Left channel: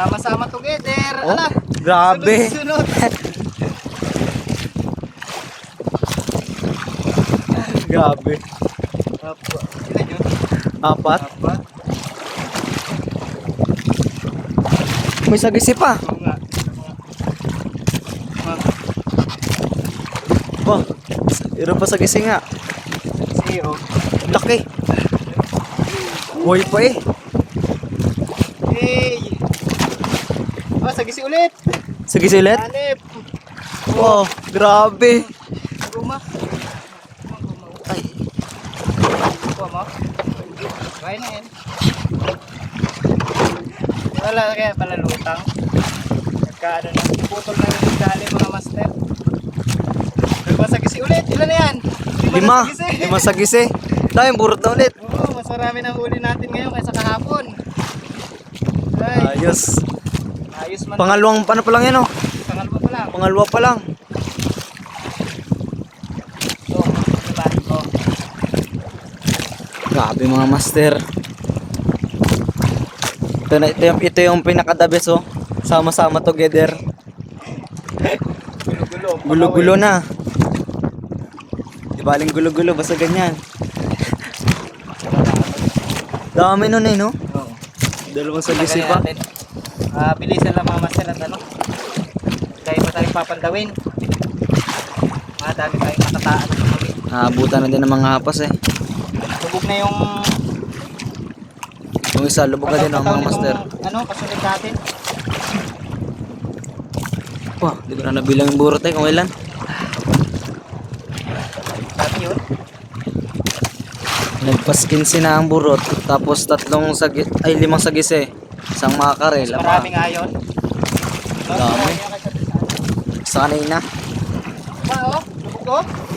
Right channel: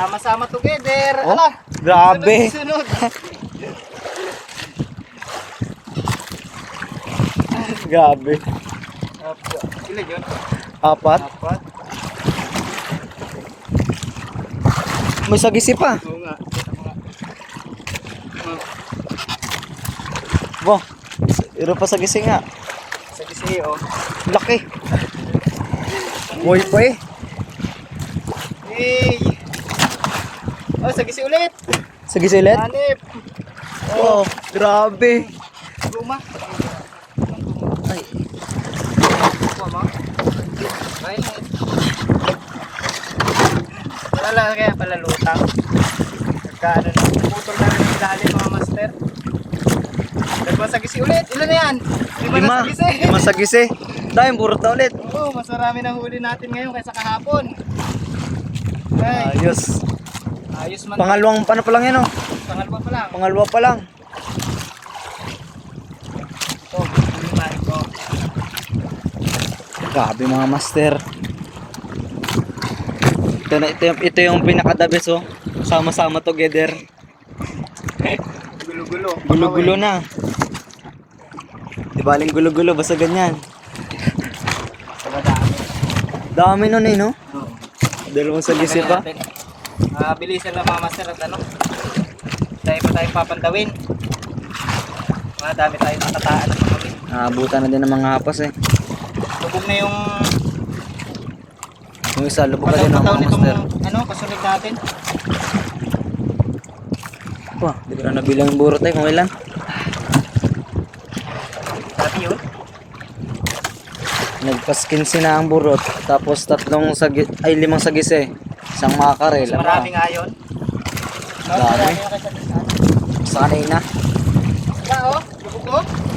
Sama-sama together. Oh, Ala, grabe. Sunod, Grabe. Yun. Apat. Apat. May sagisi pa. Nga. Ito nga. Ah, Ba, iro pa sagisi nga. Sige, oh. Laki. Boy pa eh. Hey! Oh, sagisi ulit. Sagisi ulit? Hanip. Wow, grabe. Guma. Kuha mo. Try na yun. Wala kaya pala lutang. Nagka ano na, putol na rin dali mga master. Nagmasagisi ulit. Ilan na yan? Lima. na sagisi. Lima sagisi. Dahil burot na ulit. Oo, mas marami na huli natin ngayon kaysa kahapon. Ay, Ayos. Ayos man. Pangalawang paano pa lang yan oh. Pangalawa pa lang. Pangalawa pa lang. Oh, limahin ko. Grabe mga master. Ito, na, ito, yung, ito yung pinaka-the best oh. Sama-sama together. Gulo-gulo. Gulo-gulo na. Di baling gulo-gulo basta ganyan. Dami nun eh no? Dalawang sagisi pa. Ah, bilisan lang mga master at ano. Dahil pa tayo papandawin. Mga dami tayo natataan sa kami. Naabutan na din ng mga hapas eh. Lubog na yung Yung isa, lubog ka din pagkakataon mga nitong master. ano, kasunod natin. Wah, di ko na nabilang yung burot eh kung ilan. Nagpas 15 na ang burot. Tapos tatlong sagi ay limang sagis eh. Isang makarel. Isang marami nga yun. Dami. Sanay na. Ba, oh. Bukok. Oh?